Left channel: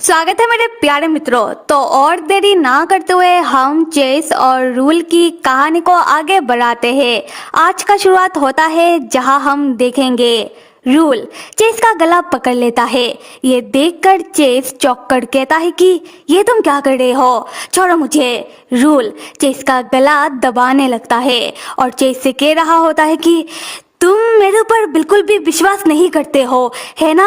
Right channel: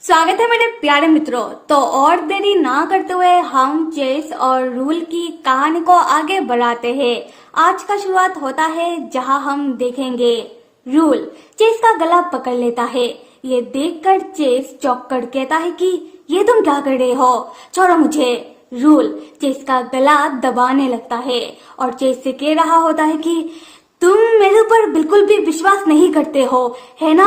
स्वागत है मेरे प्यारे मित्रों। तो और देरी ना करते हुए हम चेस और रूल की कहानी को आगे बढ़ाते हैं। आज का शुरुआत होता है जहां हम देखेंगे रूल चेस का गला पकड़ लेता है। ये देखकर चेस चौंक कर कहता है कि ये तुम क्या कर रहे हो, छोड़ो मुझे। रूल चेस का गला दबाने लगता है और चेस से कह रहा होता है कि तुम मेरे ऊपर बिल्कुल भी विश्वास नहीं करते हो, है ना?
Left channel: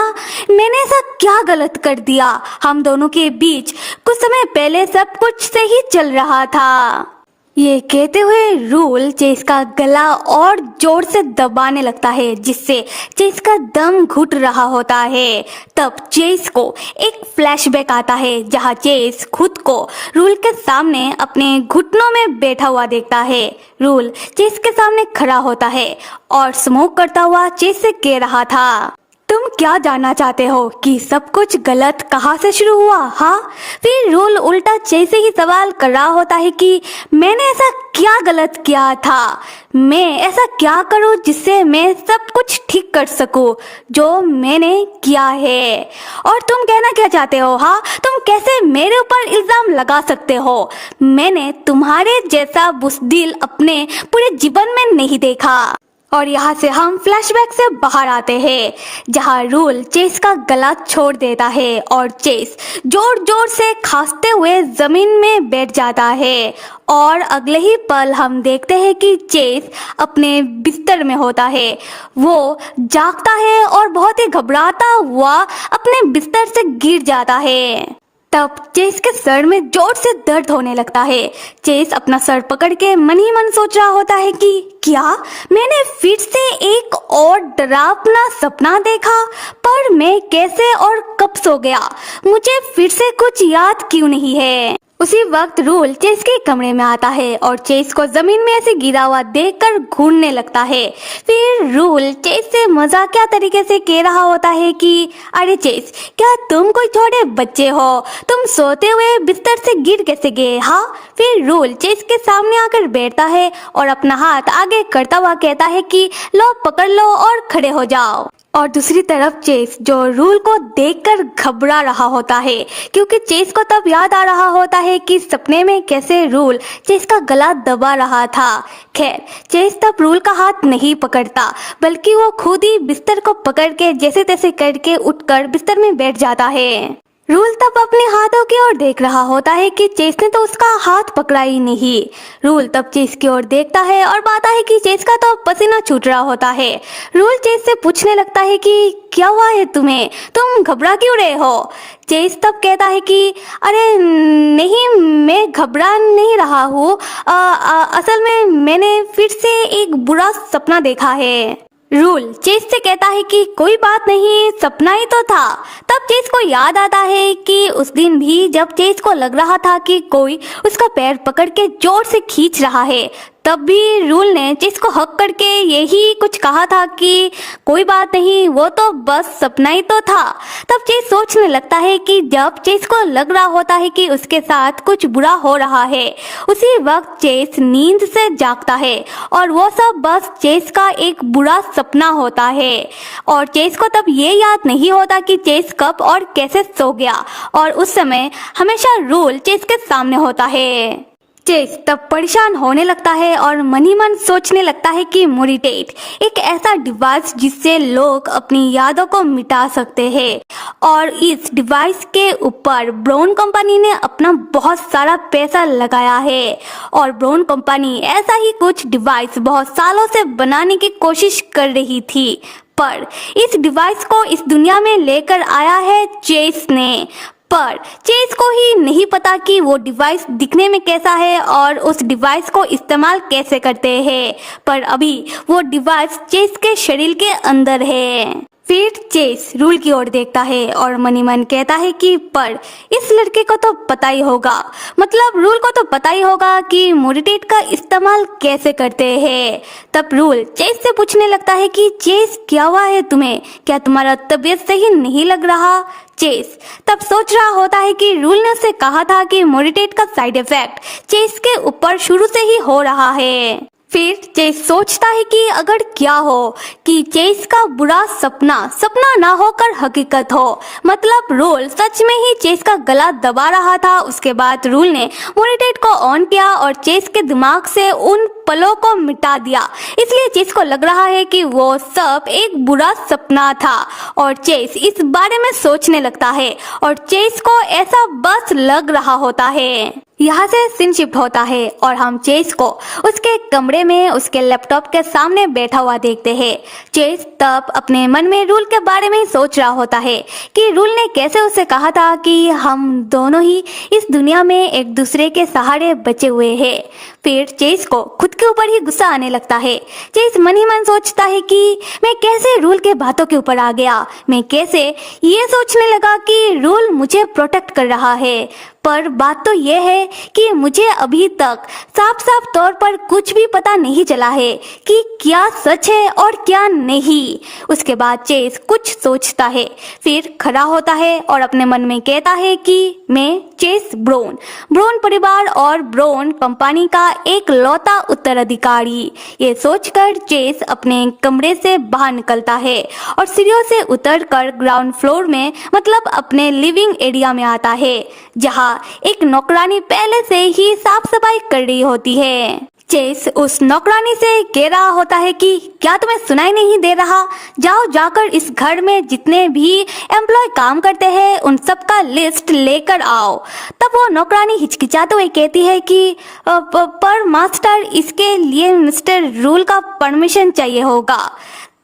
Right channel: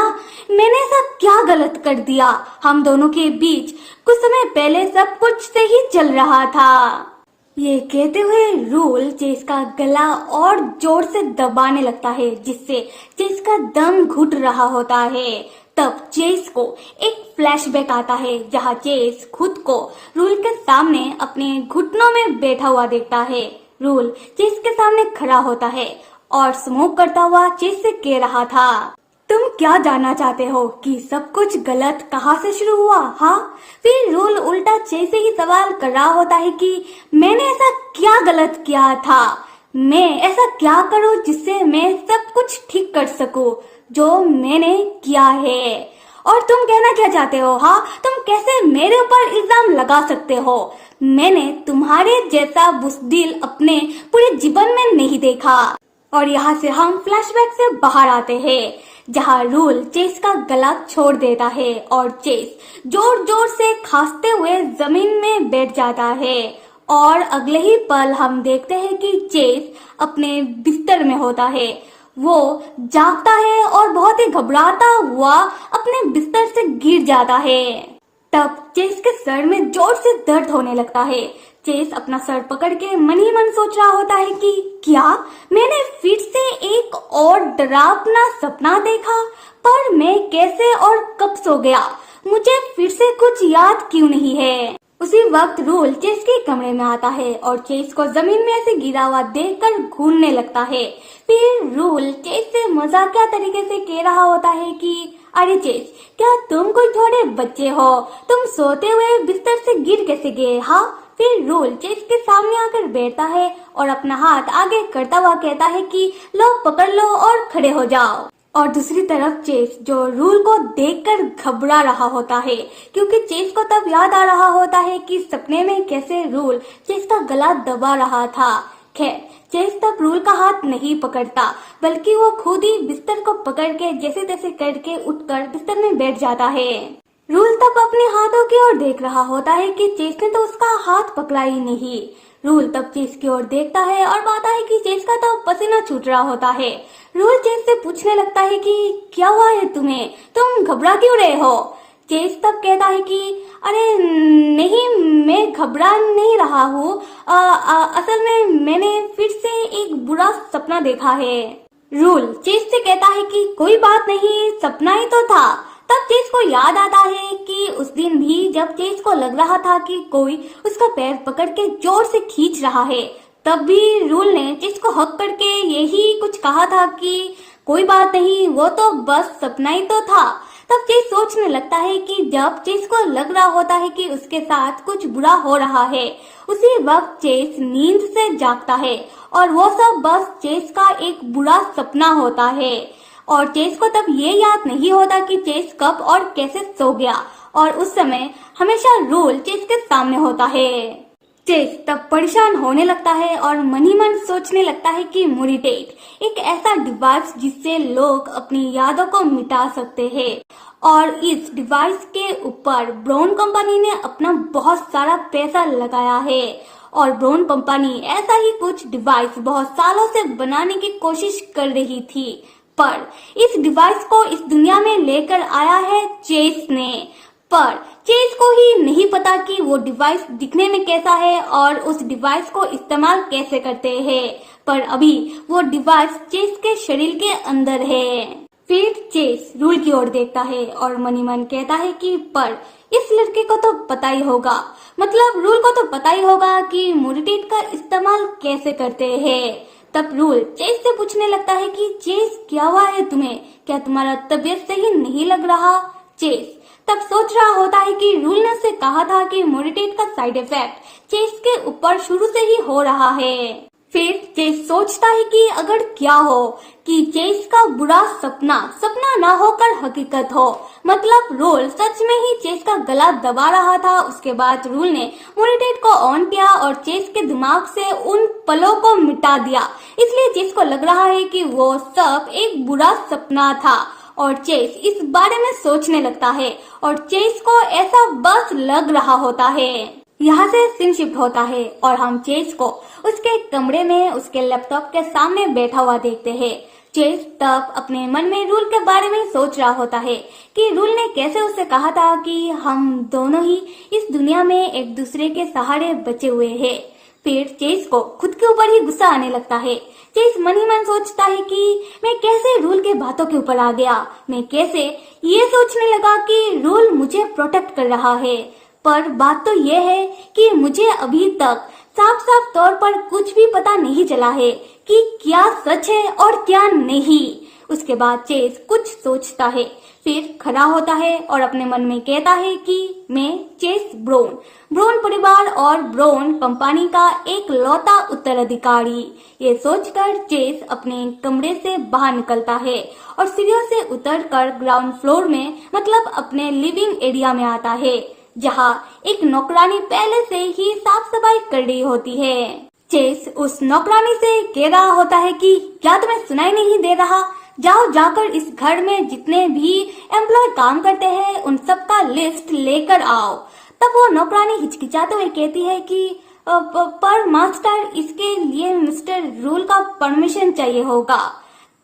मैंने ऐसा क्या गलत कर दिया? हम दोनों के बीच कुछ समय पहले सब कुछ सही चल रहा था। ये कहते हुए रूल चेस का गला और जोर से दबाने लगता है, जिससे चेस का दम घुट रहा होता है। तब चेस को एक फ्लैशबैक आता है जहां चेस खुद को रूल के सामने अपने घुटनों में बैठा हुआ देखता है। रूल चेस के सामने खड़ा होता है और स्मोक करता हुआ चेस से कह रहा था, तुम क्या जानना चाहते हो कि सब कुछ गलत कहाँ से शुरू हुआ? हाँ, फिर रूल उल्टा चेस से ही सवाल कर रहा होता है कि मैंने ऐसा क्या गलत किया था? मैं ऐसा क्या करूं जिससे मैं सब कुछ ठीक कर सकूं जो मैंने किया है? और तुम कहना क्या चाहते हो? हाँ, तुम कैसे मेरे ऊपर इल्जाम लगा सकते हो? मैंने तुम्हारे जैसा बुज़दिल अपने पूरे जीवन में नहीं देखा। और यहाँ से हम फ्लैशबैक से बाहर आते हैं जहाँ रूल चेस का गला छोड़ देता है और चेस जोर जोर से खांसते हुए जमीन में बैठ जाता है। और अगले ही पल हम देखते हैं कि चेस अपने बिस्तर में होता है। वो जागता है और बहुत ही घबराता हुआ अपने बिस्तर से गिर जाता है। तब चेस के सर में जोर से दर्द होने लगता है। चेस अपना सर पकड़ के मन ही मन सोच रहा होता है कि क्या मैंने फिर से एक और डरावना सपना देखा? पर मैं कैसे और कब सो गया? मुझे फिर से कुछ याद क्यों नहीं है? उसी वक्त रूल चेस के कमरे में आता है और चेस को जमीन में ऐसे गिरा हुआ देखकर घूरने लगता है। फिर रूल चेस से मजाकिया तरीके से कह रहा होता है कि अरे चेस, क्या तुम कोई छोटे बच्चे हो? तुम सोते हुए बिस्तर से गिर कैसे गए? हाँ। फिर रूल चेस के सामने आकर बैठता है और अपना हाथ आगे करता हुआ कहता है कि लो पकड़ लो और खड़े हो जाओ। और दूसरी तरफ चेस जो रूल को देखकर घबरा रहा होता है, क्योंकि चेस को तब याद आ रहा होता है कि सपने में कैसे रूल चेस का गला दबा रहा था। खैर, चेस तब रूल का हाथ नहीं पकड़ता, बल्कि वो खुद ही बिस्तर को पकड़ के जैसे तैसे करके उठकर बिस्तर में बैठ जाता है। रूल तब अपने हाथों की ओर देख रहा होता है कि चेस ने तो उसका हाथ पकड़ा ही नहीं। रूल तब चेस की ओर देखता है और पाता है कि चेस का तो पसीना छूट रहा होता है। रूल चेस से पूछने लगता है कि क्या हुआ है तुम्हें? तुम घबरा क्यों रहे हो? चेस तब कहता है कि अरे नहीं, मैं घबरा नहीं रहा हूँ। असल में मैंने फिर से एक बुरा सपना देखा है। रूल चेस से कहता है कि कोई बात नहीं, सपना ही तो था। तब चेस को याद आता है कि उस दिन भी जब चेस को लग रहा था कि कोई उसका पैर पकड़ के जोर से खींच रहा है, तब भी रूल ने चेस को हक करके यही कुछ कहा था कि कोई बात नहीं, वो तो बस सपना ही तो था। तब चेस सोचने लगता है कि जब चेस को लग रहा होता है कि उसके साथ कुछ बुरा हो रहा है, उसी वक्त चेस नींद से जागता है और वो सब बस चेस का एक बुरा सपना होता है। और चेस को तब ये याद नहीं होता कि चेस कब और कैसे सो गया, और उस समय हमेशा रूल चेस के सामने होता है। चेस तब परेशान होने लगता है और मन ही मन सोचने लगता है कि मोरिटेट एक ऐसा डिवाइस जिससे लोग अपनी यादों को मिटा सकते हैं। और इस डिवाइस के ऊपर ब्राउन कंपनी ने अपना बहुत सारा पैसा लगाया है। और ब्राउन कंपनी ऐसा ही कुछ डिवाइस बहुत सालों से बनाने की कोशिश कर रही थी, पर इस डिवाइस को इस दुनिया में लेकर आया है चेस ने। पर चेस को ही नहीं पता कि वो डिवाइस दिखने में कैसा है और उस डिवाइस को इस्तेमाल कैसे करते हैं। पर अभी वो डिवाइस चेस के शरीर के अंदर है। फिर चेस रूल की ओर देखता है और मन ही मन कहता है कि पर इस लड़के को तो पता ही होगा, मतलब रूल को तो पता ही होगा कि मोरिटेट का इस्तेमाल कैसे करते हैं। तब रूल चेस से पूछने लगता है कि चेस, क्या हुआ है तुम्हें? क्या तुम्हारा तबीयत सही नहीं लग रहा? चेस तब सोच रहा होता है कि रूल ने उसे कहा था कि मोरिटेट का साइड इफेक्ट चेस के ऊपर शुरू से ही हो रहा है। फिर चेस सोचता है कि अगर क्या हो कि चेस का बुरा सपना सपना ना होकर हकीकत हो, मतलब रूल सच में ही चेस का गला दबा रहा था। उसके बाद रूल ने मॉनिटर को ऑन किया और चेस के दिमाग से उन पलों को मिटा दिया। इसलिए चेस को लग रहा है कि वो सब एक बुरा सपना था और चेस इस बारे में सोचने लगता है और चेस को ऐसा बस लग रहा होता है। यहाँ से सीन शिफ्ट होता है और हम चेस को उसके कमरे में उसके लैपटॉप के सामने बैठा हुआ देखते हैं। चेस तब अपने मन में रूल के बारे में सोच रहा होता है कि रूल ने कैसे उसे कहा था कि हम दोनों ही इस दुनिया में एक दूसरे के सहारे बचे हुए हैं। फिर चेस को खुद के ऊपर ही गुस्सा आने लगता है। चेस मन ही मन सोचता है कि मैं कैसे रूल के बातों के ऊपर आ गया। मैं कैसे ये सोचने लगा कि रूल मुझे प्रोटेक्ट कर रहा है, पर बात तो यह है कि मुझे अभी तक साफ साफ तौर पर कुछ भी पता नहीं चला है कि क्या सच है और क्या नहीं। उसके बाद चेस कुछ सोचता है, फिर खड़ा होता है और अपने मन में कहता है कि मैं चेस ब्रोन परिवार और ब्रोन कंपनी का एक लौता उत्तराधिकारी। ये सोचकर चेस अपने कमरे से बाहर निकलता है और सीढ़ियों से उतरकर ग्राउंड फ्लोर में, मतलब अपने लिविंग एरिया में आता है, जहाँ एक नौकरानी पहले से ही साफ सफाई कर रही होती है। चेस उस नौकरानी से कह रहा होता है कि क्या तुम्हें सुनाई नहीं दे रहा, जाओ जाकर इस घर में जितने भी एम्प्लॉय काम करते हैं उन सबका लिस्ट लेकर आओ। तब वो नौकरानी हिचकिचाते हुए कहती है कि पर मास्टर, इसके लिए मिस्टर रूल का परमिशन चाहिए होगा।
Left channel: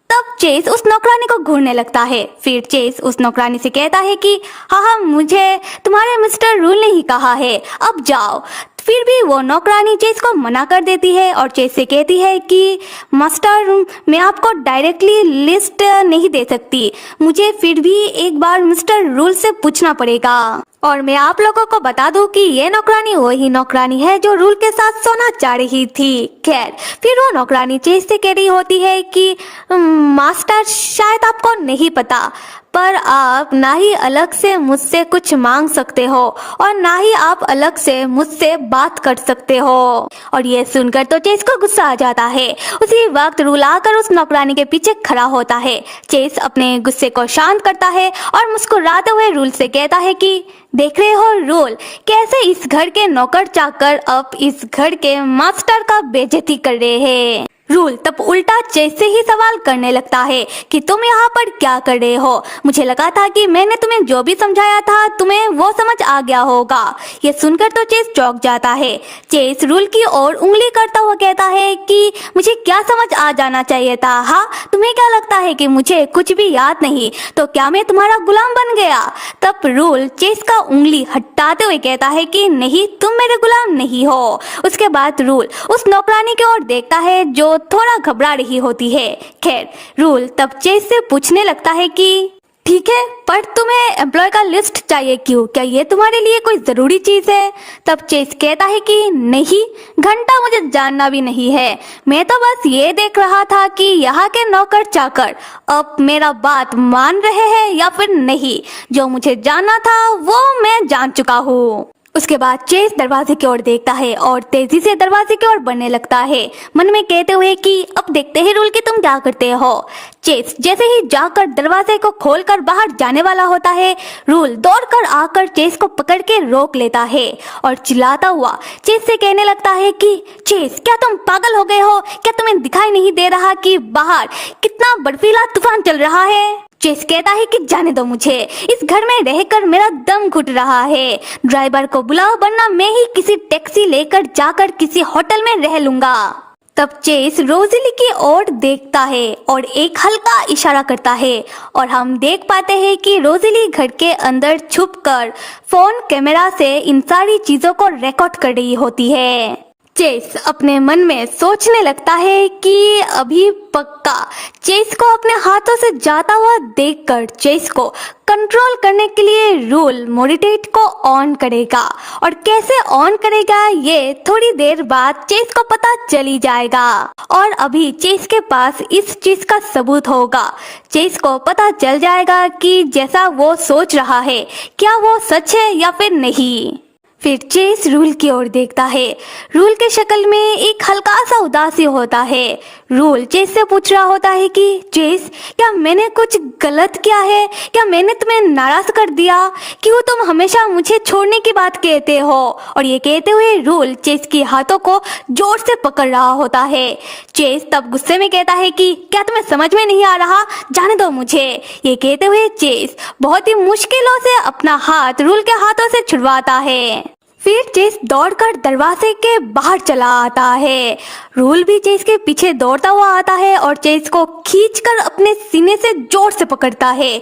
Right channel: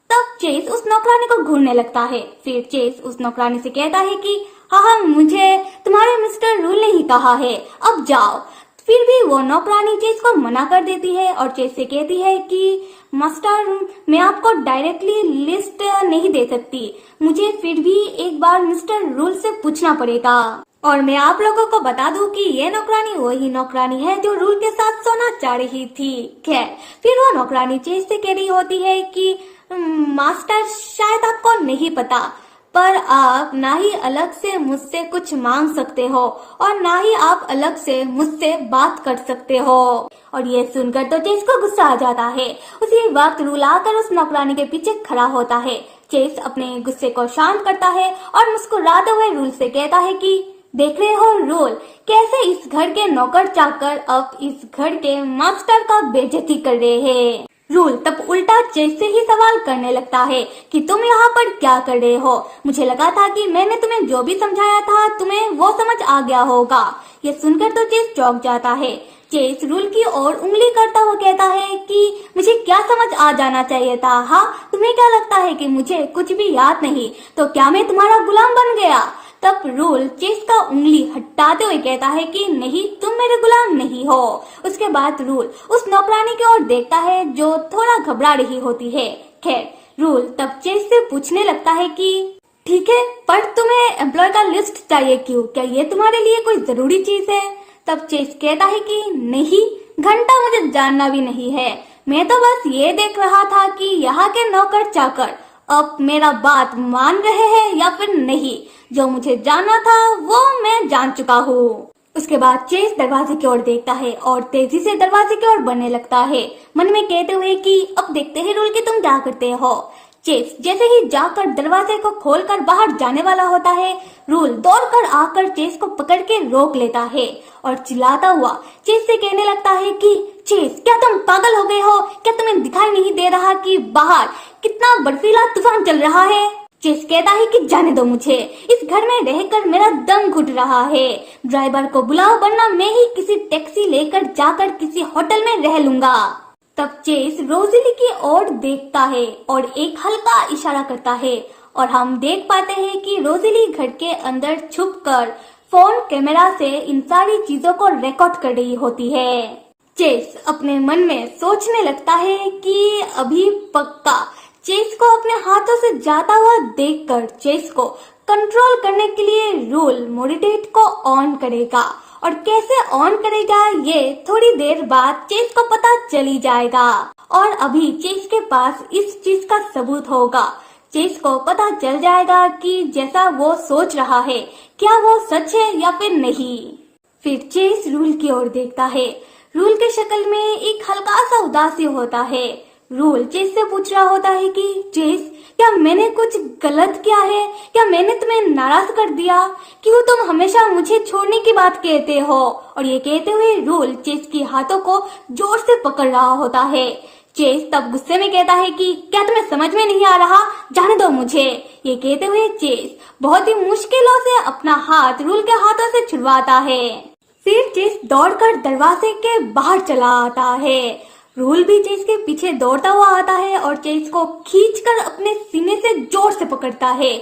तब चेस उस नौकरानी को घूरने लगता है। फिर चेस उस नौकरानी से कहता है कि हाँ, मुझे तुम्हारे मिस्टर रूल ने ही कहा है, अब जाओ। फिर भी वो नौकरानी चेस को मना कर देती है और चेस से कहती है कि मास्टर, मैं आपको डायरेक्टली लिस्ट नहीं दे सकती, मुझे फिर भी एक बार मिस्टर रूल से पूछना पड़ेगा। और मैं आप लोगों को बता दूं कि ये नौकरानी वही नौकरानी है जो रूल के साथ सोना चाह रही थी। खैर, फिर वो नौकरानी चेस से कह रही होती है कि मास्टर, शायद आपको नहीं पता, पर आप ना ही अलग से मुझसे कुछ मांग सकते हो और ना ही आप अलग से मुझसे बात कर सकते हो। और ये सुनकर तो चेस को गुस्सा आ जाता है। उसी वक्त रूल आकर उस नौकरानी के पीछे खड़ा होता है। चेस अपने गुस्से को शांत करता है और मुस्कुराते हुए रूल से कहता है कि देख रहे हो रूल, कैसे इस घर के नौकर चाकर अब इस घर के मास्टर का बेइज्जती कर रहे हैं। रूल तब उल्टा चेस से ही सवाल करने लगता है कि तुम यहाँ पर क्या कर रहे हो, मुझे लगा था कि मैंने तुम्हें जो भी समझाया था तुम्हें वो समझ आ गया होगा। ये सुनकर तो चेस चौंक जाता है। चेस रूल की ओर उंगली करता हुआ कहता है कि मुझे क्या समझ आ जाना चाहिए था। हाँ, तुम्हें क्या लगता है कि मुझे कुछ भी याद नहीं, तो क्या मैं तुम्हारा गुलाम बन गया? तब रूल चेस का उंगली हटाते हुए कहता है कि नहीं, तुम मेरे गुलाम नहीं हो। उसके बाद रूल उस नौकरानी की ओर देखता है जो थोड़ा घबरा रही होती है। खैर, रूल तब चेस से पूछने लगता है कि ठीक है, पर तुम्हें एम्प्लॉय का लिस्ट चाहिए क्यों? क्या ये तुम्हारे लिए कोई जरूरी चीज है? तब चेस कहता है कि नहीं, घंटा मुझे जानना भी नहीं है, मैं तो बस ये देख रहा था कि यहाँ के नौकर चाकर अब मेरा बात मान रहे हैं या फिर नहीं। जो मुझे जानना था वो मैं जान चुका हूँ। उसके बाद चेस दरवाजे की ओर देखता है और तेजी से दरवाजे की ओर बढ़ने लगता है, मन में कहते हुए कि अब देखते हैं रूल कि तुम क्या करते हो। चेस जैसे ही जाकर दरवाजे को खोलकर बाहर जाने वाला होता है, रूल दौड़कर आकर चेस को पकड़ के रोक लेता है और चिल्लाता हुआ चेस से कहने लगता है कि चेस, क्या तुम पागल हो गए हो? क्या तुम्हें दिखाई नहीं दे रहा कि बाहर कितना बर्फीला तूफान चल रहा है? चेस कहता है कि जाने दो मुझे, इस घर में रहकर मेरा दम घुट रहा है। ड्राइवर को बुलाओ वरना मैं ही किसी टैक्सी लेकर जाकर किसी होटल में रह लूंगा। तब चेस रोजेली की ओर देखता है और एक हल्का इशारा करता है और हम देख पाते हैं कि रोजेली घर के अंदर छुपकर फोन कैमरा से इन सारी चीजों को रिकॉर्ड कर रही होती है। चेस अपने मन में सोचने लगता है कि अभी पक्का चेस को अपने हाथों से जाता हुआ देखकर चेस को कंट्रोल करने के लिए रूल मोडिटेट को ऑन करेगा और कैसे ऑन करेगा ये थोड़ी देर बाद चेस को पता चली जाएगा। और अभी चेस के पास इस चीज का सबूत होगा। चेस को पता चल जाएगा कि जैसा वो सोच रहा है क्या वो सच है या फिर नहीं। फिर चेस रूल की ओर देखता है। रूल के शक्ल में एक हल्का सा उदासी होता है। रूल चेस से पूछ रहा होता है कि चेस, क्या मैंने कुछ गलत किया है? क्या मैंने तुम्हें नाराज कर दिया? क्यों तुम हमेशा मुझे छोड़ने की बात कहते हो? और ये कहते हुए रूल चेस के हाथों को जोर से पकड़ रहा होता है। चेस तब गुस्से में कहता है कि क्या तुम्हें समझ में नहीं आ रहा? जाने दो मुझे। ये कहते हुए चेस बहुत ही मुश्किलों से अपना हाथ रूल के हाथों से छुड़वाता है। फिर चेस दौड़कर दरवाजे के बाहर चला आता है। रूल भी चेस के पीछे दौड़ता हुआ आता है और चेस को खींचकर अपने सीने से जोर से पकड़ता है।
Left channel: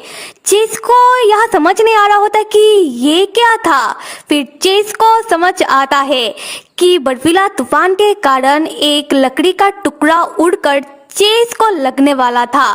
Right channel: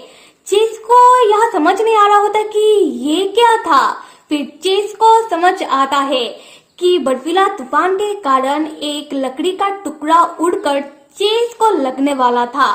चेस को यह समझ नहीं आ रहा होता कि ये क्या था। फिर चेस को समझ आता है कि बर्फीला तूफान के कारण एक लकड़ी का टुकड़ा उड़कर चेस को लगने वाला था।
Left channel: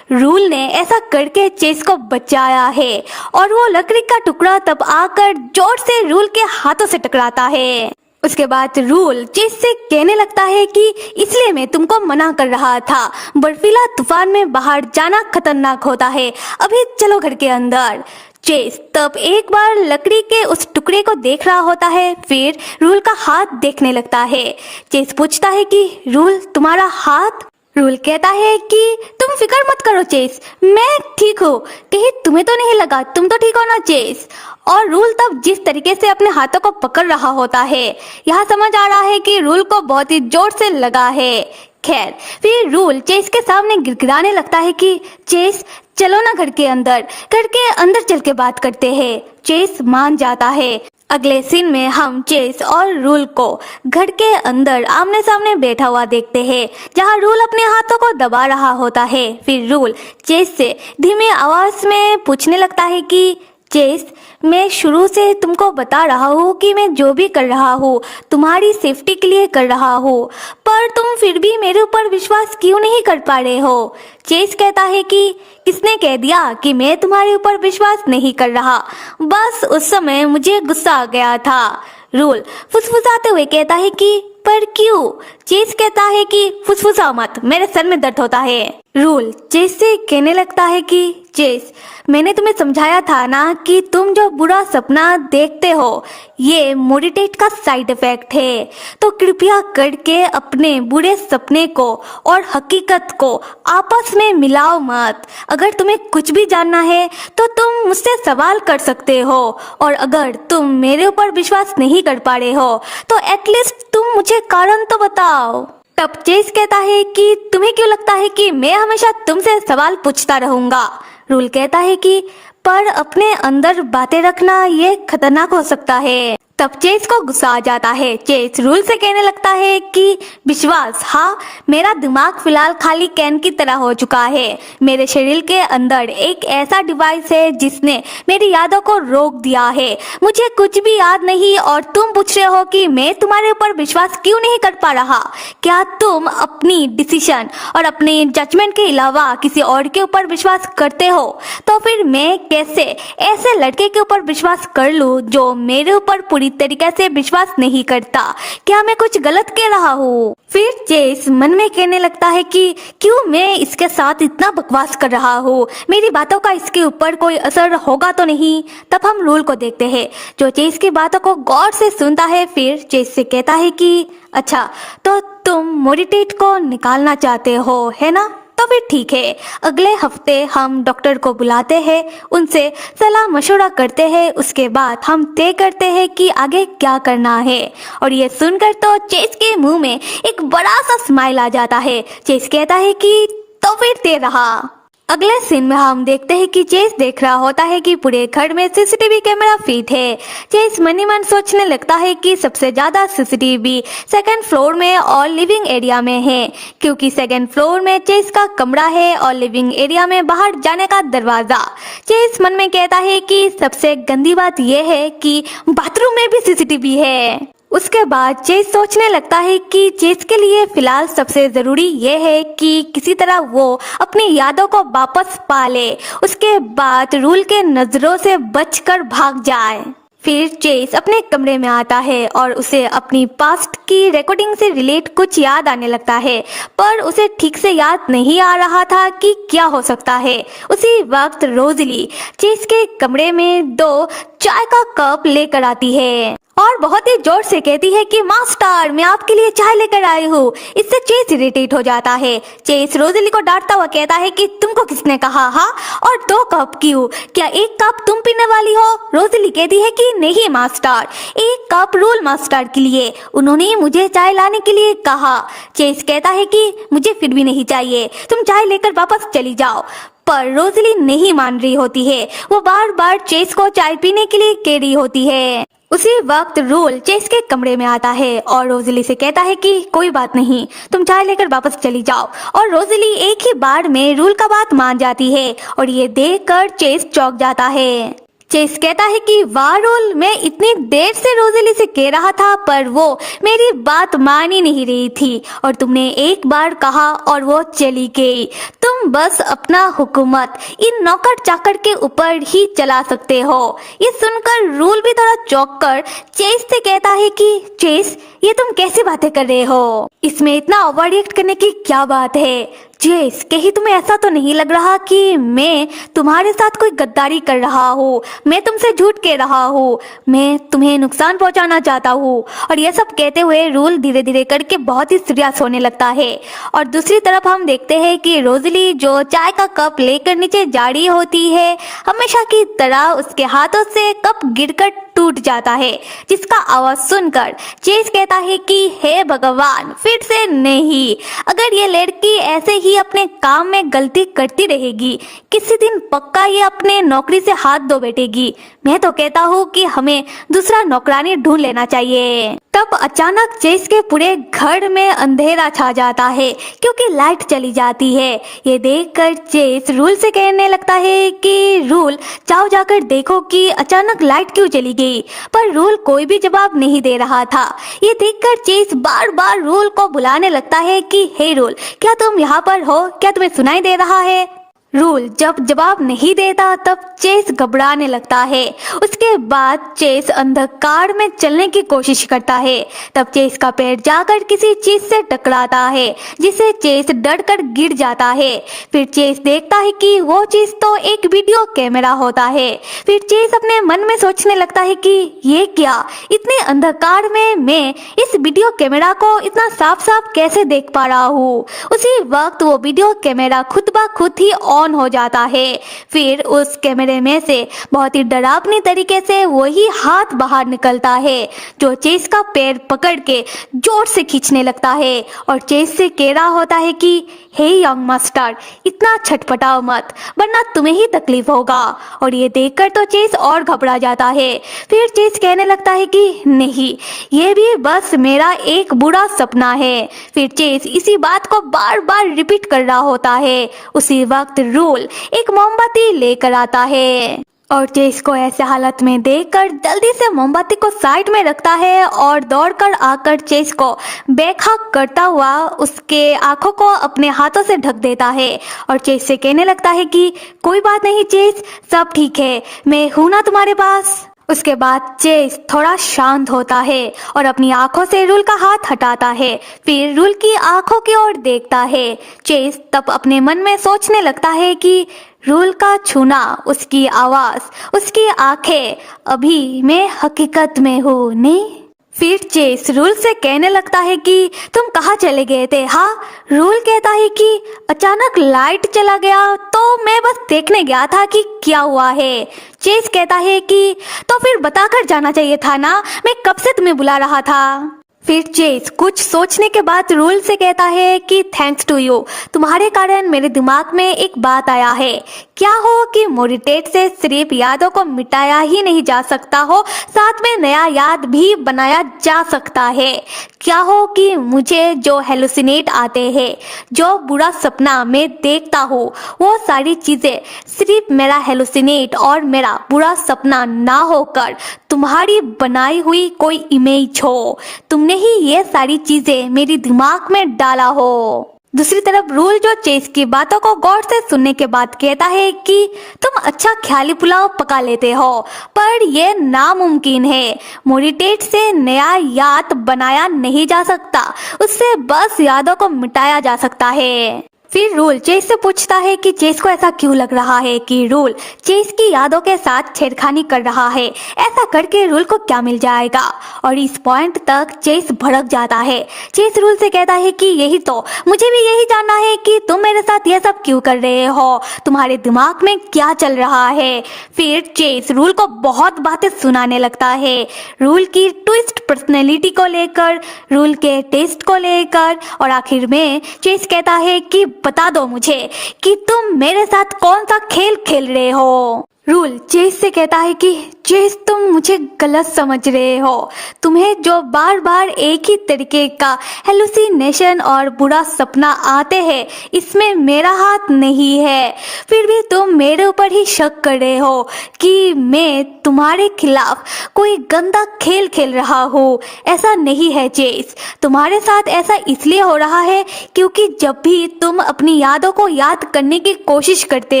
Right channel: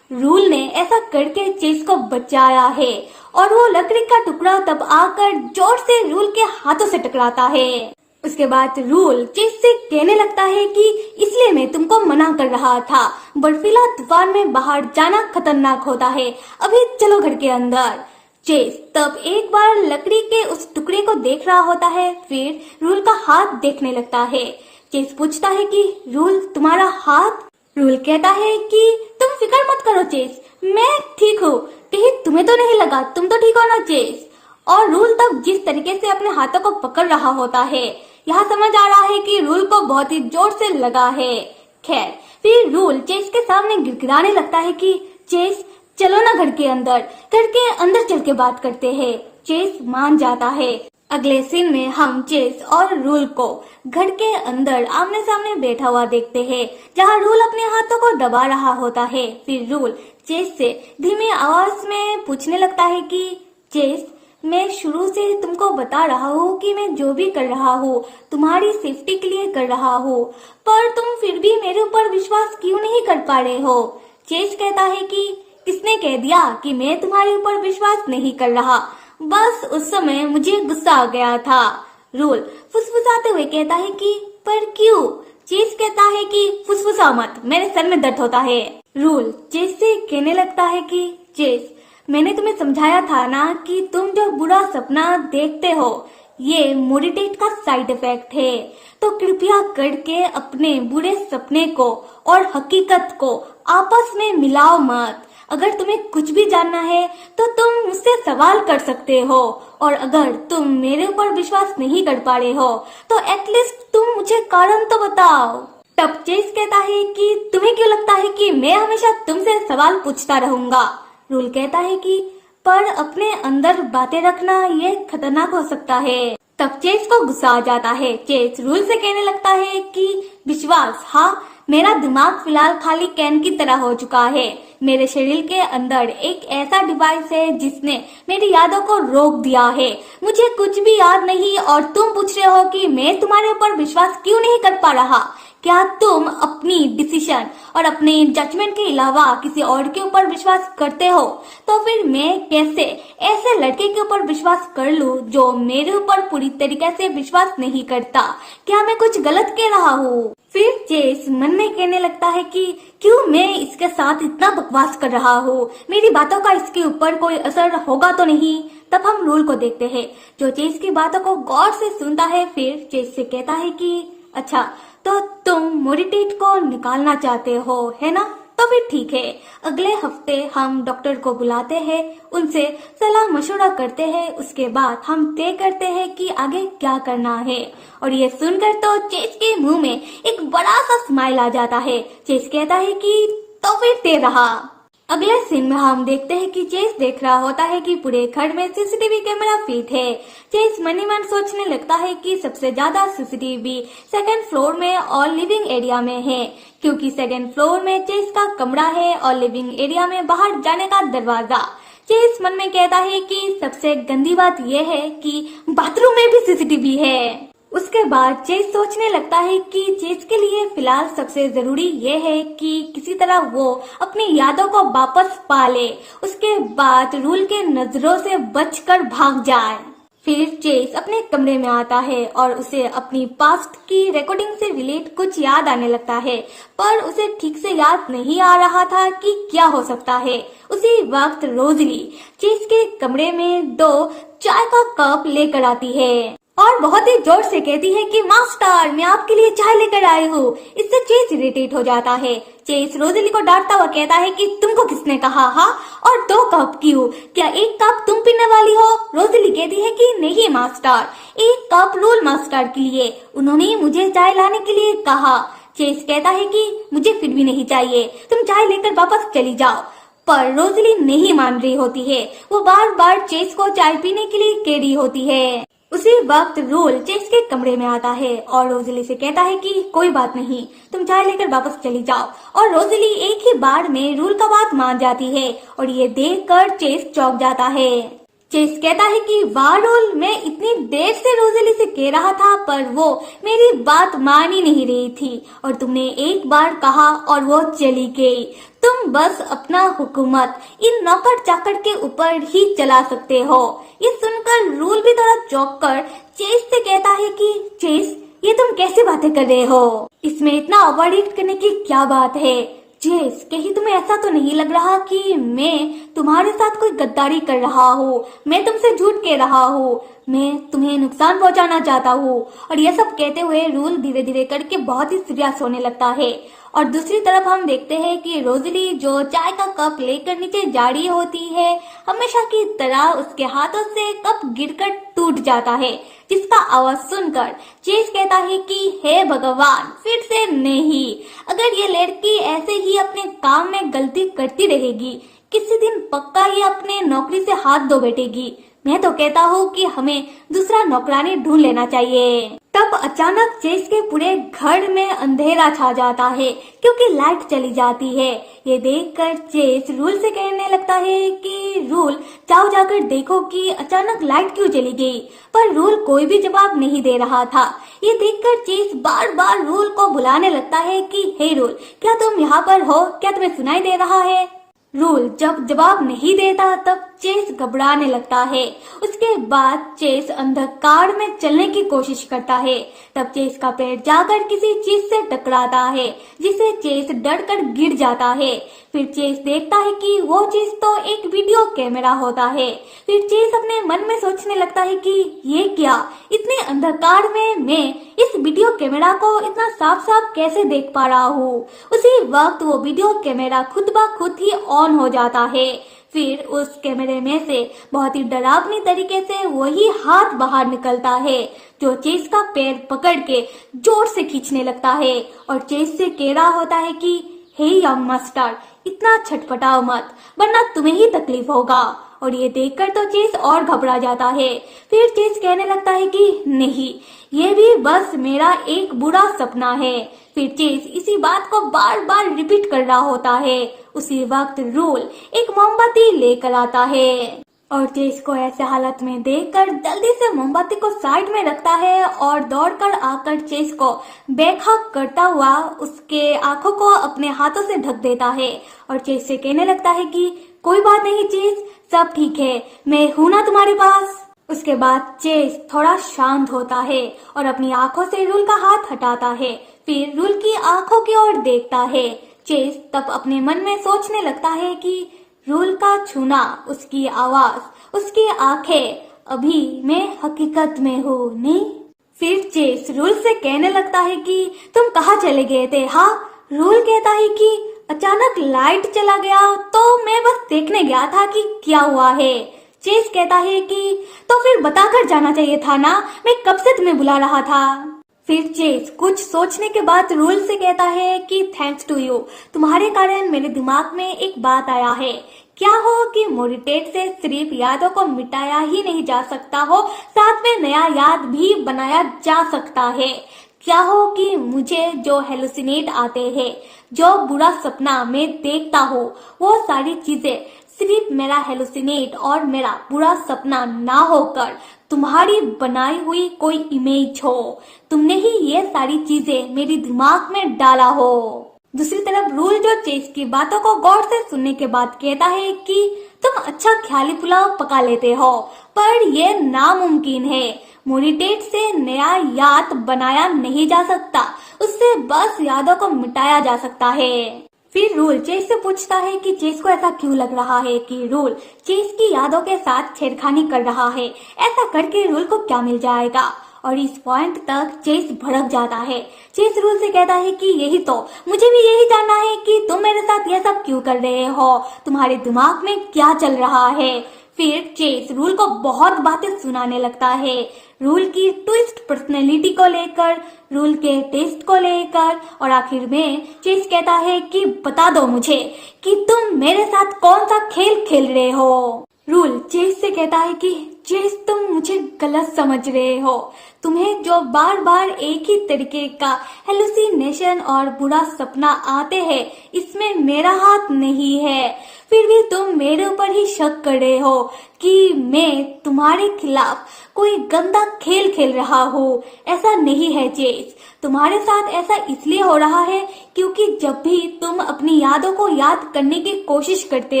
रूल ने ऐसा करके चेस को बचाया है और वो लकड़ी का टुकड़ा तब आकर जोर से रूल के हाथों से टकराता है। उसके बाद रूल चेस से कहने लगता है कि इसलिए मैं तुमको मना कर रहा था, बर्फीला तूफान में बाहर जाना खतरनाक होता है, अभी चलो घर के अंदर। चेस तब एक बार लकड़ी के उस टुकड़े को देख रहा होता है, फिर रूल का हाथ देखने लगता है। चेस पूछता है कि रूल, तुम्हारा हाथ? रूल कहता है कि तुम फिक्र मत करो चेस, मैं ठीक हूँ। कहीं तुम्हें तो नहीं लगा? तुम तो ठीक हो ना चेस? और रूल तब जिस तरीके से अपने हाथों को पकड़ रहा होता है, यहाँ समझ आ रहा है कि रूल को बहुत ही जोर से लगा है। खैर, फिर रूल चेस के सामने गिड़गिड़ाने लगता है कि चेस, चलो ना घर के अंदर चल के बात करते हैं। चेस मान जाता है। अगले सीन में हम चेस और रूल को घर के अंदर आमने सामने बैठा हुआ देखते हैं, जहां रूल अपने हाथों को दबा रहा होता है। फिर रूल चेस से धीमी आवाज में पूछने लगता है कि चेस, मैं शुरू से तुमको बता रहा हूँ कि मैं जो भी कर रहा हूँ तुम्हारी सेफ्टी के लिए कर रहा हूँ, पर तुम फिर भी मेरे ऊपर विश्वास क्यों नहीं कर पा रहे हो? चेस कहता है कि किसने कह दिया कि मैं तुम्हारे ऊपर विश्वास नहीं कर रहा? बस उस समय मुझे गुस्सा आ गया था। रूल फुसफुसाते हुए कहता है कि पर क्यों? चेस कहता है कि फुसफुसा मत, मेरे सर में दर्द होता है। रूल चेस से कहने लगता है कि चेस, मैंने तुम्हें समझाया था ना कि तुम जो बुरा सपना देखते हो ये मोडिटेट का साइड इफेक्ट है, तो कृपया करके अपने बुरे सपने को और हकीकत को आपस में मिलाओ मत। अगर तुम्हें कुछ भी जानना है तो तुम मुझसे सवाल कर सकते हो, और अगर तुम मेरे ऊपर विश्वास नहीं कर पा रहे हो तो एटलीस्ट तुम मुझे कारण तो बताओ। तब चेस कहता है कि तुम्हें क्यों लगता है कि मैं हमेशा तुमसे सवाल पूछता रहूंगा? रूल कहता है कि पर अपने अंदर बातें रखना ये खतरनाक हो सकता है। तब चेस को गुस्सा आ जाता है। चेस रूल से कहने लगता है कि विश्वास, हाँ, मेरा दिमाग फिलहाल खाली कैन की तरह हो चुका है। मेरे शरीर के अंदर एक ऐसा डिवाइस है जिसने मेरी यादों को रोक दिया है। मुझे कुछ भी याद नहीं और तुम पूछ रहे हो कि मैं तुम्हारे ऊपर विश्वास क्यों नहीं कर पा रहा? क्या तुम अपनी डिसीजन और अपने जजमेंट के अलावा किसी और के ऊपर विश्वास करते हो? तो फिर मैं कैसे ऐसे लड़के के ऊपर विश्वास कर लूं जो मेरे ऊपर पूरी तरीके से विश्वास नहीं करता? क्या मैं कुछ गलत कह रहा हूँ? फिर चेस मन में कहने लगता है कि क्यों मैं इसके साथ इतना बकवास कर रहा हूँ, मेरी बातों का इसके ऊपर कोई असर होगा तो नहीं। तब हम रूल को देखते हैं जो चेस की बातों को गौर से सुनता है। फिर चेस से कहता है कि अच्छा, तो तुम मोडिटेट को निकालना चाहते हो, है ना? तो फिर ठीक है, अगले हफ्ते हम डॉक्टर को बुलाते हैं, उनसे सलाह मशवरा करते हैं, उसके बाद हम तय करते हैं कि आगे क्या करना है। और ये सुनकर तो चेस के मुंह में एक बड़ा सा स्माइल आ जाता है। चेस कहता है कि तो फिर तय रहा। अगले सीन में हम देखते हैं कि चेस देख रहा होता है कि पूरे घर में सीसीटीवी कैमरा फिट है। चेस मन ही मन सोचने लगता है कि सबसे ज्यादा सीसीटीवी सेकंड फ्लोर में और लिविंग एरिया में है, क्योंकि सेकंड फ्लोर में चेस का कमरा है और लिविंग एरिया में बाहर जाने का दरवाजा। चेस मन में कहता है कि सबसे गंदी बात यह है कि बाथरूम में भी सीसीटीवी है। उसके बाद चेस सोचने लगता है कि चेस के लिए फिलहाल सबसे जरूरी यह है कि किसी तरह वो अपनी यादों को वापस पा ले, उसके बाद रूल के नजरों से बचकर भाग जाए। फिर चेस अपने कमरे में आता है और उसे अपनी पास्ट की रिकॉर्डिंग से रिलेट कुछ याद आने लगता है, पर उसे ठीक से याद नहीं आ रहा था कि क्या हो सकता है। उसी वक्त रोजली चेस के कमरे में 2 चाय का कप लेकर आती है। और बहुत ही जोर से कहती है कि मास्टर मैं आपके लिए चाय लेकर आई हूँ। इससे चेस इरिटेट हो जाता है। चेस रोज़ेली को डांटता हुआ कहता है कि तुमको किसने कहा, हाँ, और 2 कप क्यों, क्या 1 कप तुम पीने वाली हो? रोज़ेली कहती है कि नहीं मास्टर, 1 कप रूल मास्टर के लिए, उन्होंने मुझे चाय लाने के लिए कहा। चेस कहता है कि मुझे फिर भी नहीं चाहिए, तुम चाय लेकर वापस चली जाओ। पर रोज़ेली नहीं मान रही होती है। वो बार बार चेस को चाय पीने के लिए कह रही होती है। उसी वक्त रूल चेस के कमरे में आता है और रोज़ेली से कहता है कि कोई बात नहीं, तुम चाय लेकर वापस चली जाओ। और रोज़ेली एक ही बार में रूल का बात मान जाती है और ये देखकर चेस चौंक जाता है। चेस कहता है कि वाह रूल, मैं इतनी देर से रोज़ेली से कह रहा था पर वो मेरी बात मान ही नहीं रही थी और तुमने एक बार कहा और वो चली गई। तुम बस अपना हुकूमत इन नौकर चाकर के ऊपर ही चला सकते हो। ये सुनकर रूल भी थोड़ा चौंक कर चेस से कहता है कि चेस, ये तुम कैसी बातें कर रहे हो? इसमें इतना ओवर रिएक्ट करने की क्या बात है? चेस, कहीं तुम्हें ऐसा तो नहीं लग रहा कि मैं तुम्हारे साथ कोई गद्दारी कर रहा हूँ? मैं तुमसे झूठ कह रहा हूँ, मैं तुम्हें नुकसान पहुंचाना चाहता हूँ। और ये सब कहते हुए रूल धीरे धीरे करके बहुत ही सीरियस होने लगता है। और दूसरी तरफ हम देखते हैं कि रोज़ेली जो चाय का कप लेकर नीचे जा रही होती है, हमेशा की तरह उसके हाथों से कप गिरकर टूट जाता है, जिसका आवाज सुनकर चेस कहता है कि हे भगवान, फिर से नहीं। अगर ये लड़की ऐसे ही अपने काम में गलती करती रहेगी, किसी दिन पक्का ही अपने नौकरी से हाथ धो बैठेगी। मैं तो कहता हूँ कि हमें दूसरा नौकरानी ढूंढ लेना चाहिए। तब अचानक चेस के पूरे घर में अंधेरा छा जाता है क्योंकि लाइट चली जाती है। ये देखकर चेस रूल से कहने लगता है कि रूल, जाओ जाकर देखो कि अचानक लाइट क्यों चली गई। पर रूल कोई भी जवाब नहीं दे रहा था। ये देखकर चेस बार बार रूल को बुलाने लगता है कि हे रूल, क्या तुम यहाँ पर हो? क्या तुम्हें सुनाई दे रहा है? रूल जब जवाब नहीं देता तब चेस घबराने लगता है। उसके बाद चेस अंधकार में चलने की कोशिश करता है। तब चेस का पैर जाकर किसी चीज से टकराता है जिसे चेस डरकर गिर जाता है। फिर चेस देखता है कि वो चीज तो एक वीडियो कैमरा होता है। फिर चेस अपने मन में सोचने लगता है कि ये क्या, इतने अंधकार में मैं इस वीडियो कैमरा को इतना साफ साफ कैसे देख पा रहा हूँ। उसी वक्त वो वीडियो कैमरा खुद ब खुद ही ऑन हो जाता है। फिर उस कैमरे में से बहुत ही डरावनी तरीके से वही हाथ बाहर निकलता है जो चेस का पैर पकड़ के जोर से खींचने लगता है और चेस से कह रहा होता है कि हे यंग मास्टर, इतना छटपटाओ मत वरना तुम्हें ही तकलीफ होगा। और ये देखकर तो चेस और घबरा जाता है। फिर चेस कहने लगता है कि नहीं, ये भी बस मेरा एक बुरा सपना है। फिर चेस इसी बात को बार बार रिपीट कर रहा होता है। उसी वक्त रूल एक मोमबत्ती लेकर आता है और चेस को ऐसे हालत में देखकर जल्दी से मोमबत्ती को साइड में रखता है और दौड़कर आकर चेस को बेखौफ करता हुआ उसके आंखों को अपने हाथों से ढक देता है और चेस से कहने लगता है कि कोई बात नहीं चेस, सब ठीक है, मैं हूं ना तुम्हारे पास। उसके बाद चेस थोड़ा शांत होता है और अपनी आंखों से रूल का हाथ हटाता है। फिर रूल की आंखों की ओर देखता है। चेस तब अपने मन में सोचने लगता है कि रूल का छूना, उसकी आवाज, उसकी आंखें, अभी मैं हकीकत में हूँ नहीं। फिर चेस रूल से कहने लगता है कि तुम कहाँ चले गए थे? हाँ, रूल कहता है कि अचानक लाइट चला गया तो मैं बस देखने गया था कि क्या हुआ है। चेस कहता है कि तो फिर बताकर जाना चाहिए था ना, मैं कब से तुम्हें बुला रहा था। फिर चेस कुछ सोचने के बाद रूल से कहता है कि थैंक्स टू यू, तुम्हारे कारण मेरे दिमाग में एक बात आया है। क्या हो कि मोरिटेट से सिर्फ यादों को मिटाया ही नहीं जा सकता हो, साथ में नया याद भी बनाया जा सकता है। क्या हो कि मुझे जो हेलुसिनेट आते हैं, जो बुरा सपना मैं देखता हूँ, वो सारी चीजें सिर्फ मेरा हेलुसिनेट और मेरा बुरा सपना ना होकर तुम्हारी बनाई हुई कोई इमेज हो। तुमने ही ये सारी चीजें मेरे दिमाग में डाला हो। दूसरी तरफ रूल जो चेस की बातों को गौर से सुनने के बाद कहता है कि तुम अच्छा ख्याली पुलाव पका लेते हो, पर यह नामुमकिन है। मोरिटेट से नया याद बनाया नहीं जा सकता, उससे बस यादों को मिटाया जा सकता है। फिर रूल चेस से पूछता है कि चेस को ऐसा क्यों लग रहा है कि रूल चेस की यादों के साथ छेड़खानी कर रहा है। ऐसा करके रूल को क्या मिल जाएगा। और इस पॉइंट तक चेस भड़क जाता है। चेस रूल से कहता है कि यही तो, मुझे भी यही जानना है कि तुम मेरे साथ यह सब क्यों कर रहे हो, तुम्हारे दिमाग में क्या चल रहा है। फिर चेस रूल को बहुत बातें सुनाने लगता है, रूल की ट्विस्ट पर्सनैलिटी को लेकर, रूल के टेस्ट को लेकर, और आखिर में चेस कहता है कि बता दो मुझे कि तुम मेरे साथ कौन सा खेल खेल रहे हो। रूल चेस से कहता है कि चेस तुम मुझे गलत समझ रहे हो, तुम्हें जो बार बार एक ही तरीके का हेलुसिनेशन और बुरा सपना आते हैं इसमें मेरा हाथ नहीं है। फिर भी तुम मेरे ऊपर ही शक कर रहे हो कि मैं तुम्हारे खिलाफ कोई गंदा खेल खेल रहा हूँ। ऐसा नहीं है चेस, तुम्हारे साथ ऐसा इसलिए हो रहा है क्योंकि जब भी तुम अपनी यादों को याद करने की कोशिश करते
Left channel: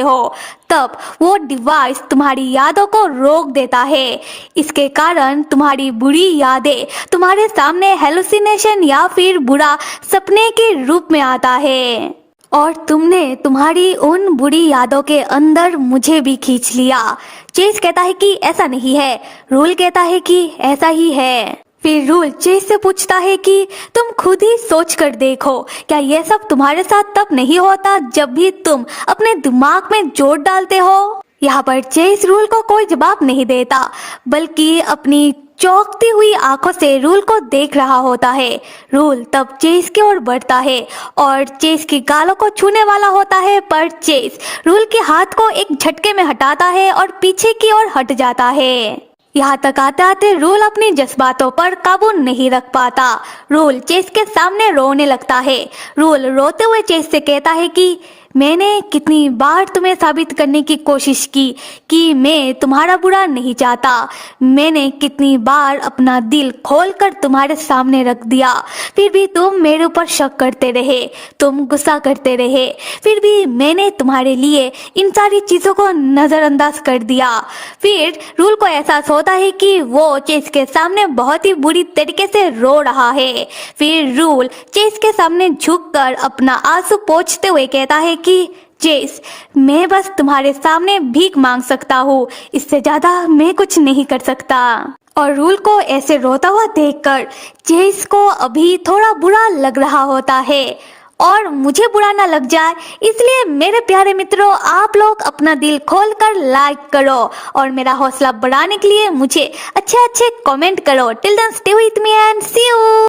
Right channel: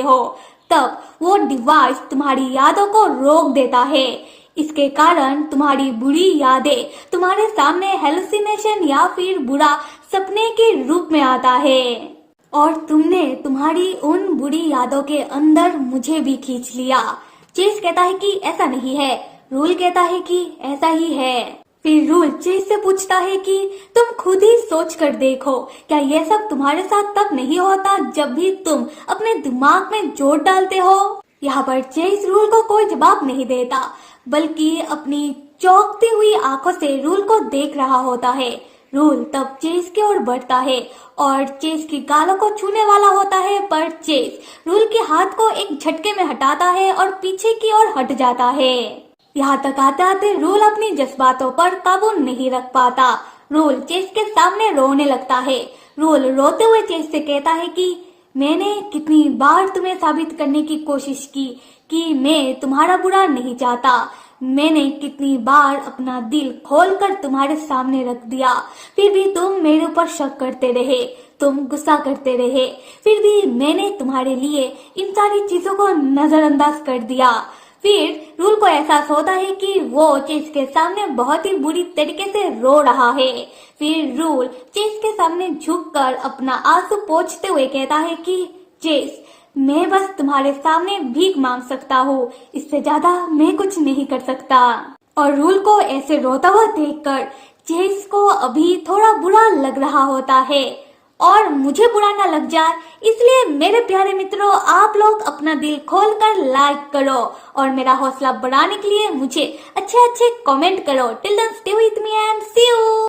हो तब वो डिवाइस तुम्हारी यादों को रोक देता है। इसके कारण तुम्हारी बुरी यादें तुम्हारे सामने हेलुसिनेशन या फिर बुरा सपने के रूप में आता है, और तुमने तुम्हारी उन बुरी यादों के अंदर मुझे भी खींच लिया। चेस कहता है कि ऐसा नहीं है, रूल कहता है कि ऐसा ही है। फिर रूल चेस से पूछता है कि तुम खुद ही सोच कर देखो, क्या ये सब तुम्हारे साथ तब नहीं होता जब भी तुम अपने दिमाग में जोर डालते हो। यहाँ पर चेस रूल को कोई जवाब नहीं देता, बल्कि अपनी चौंकती हुई आंखों से रूल को देख रहा होता है। रूल तब चेस की ओर बढ़ता है और चेस की गालों को छूने वाला होता है, पर चेस रूल के हाथ को एक झटके में हटाता है और पीछे की ओर हट जाता है। यहाँ तक आते आते रूल अपनी जज्बातों पर काबू नहीं रख पाता। रूल चेस के सामने रोने लगता है। रूल रोते हुए चेस से कहता है कि मैंने कितनी बार तुम्हें साबित करने की कोशिश की कि मैं तुम्हारा बुरा नहीं चाहता। मैंने कितनी बार अपना दिल खोलकर तुम्हारे सामने रख दिया, फिर भी तुम मेरे ऊपर शक करते रहे, तुम गुस्सा करते रहे। फिर भी मैंने तुम्हारे लिए इन सारी चीजों को नजरअंदाज कर दिया। फिर रूल को एहसास होता है कि वो चेस के सामने बहुत ही बुरी तरीके से रो रहा है। फिर रूल चेस के सामने झुककर अपना आंसू पोंछते हुए कहता है कि चेस, मैं बस तुम्हारे सामने भीख मांग सकता हूँ, इससे ज्यादा मैं कुछ नहीं कर सकता। और रूल को ऐसे रोता हुआ देखकर चेस को अभी थोड़ा बुरा लग रहा होता है, और मुझे बुरा ना लग जाए इसलिए मेरे प्यारे मित्रों, आप लोग अपना दिल खोलकर लाइक करो और मेरा हौसला बढ़ाने के लिए मुझे अच्छे अच्छे कमेंट करो। Till then stay with me and see you.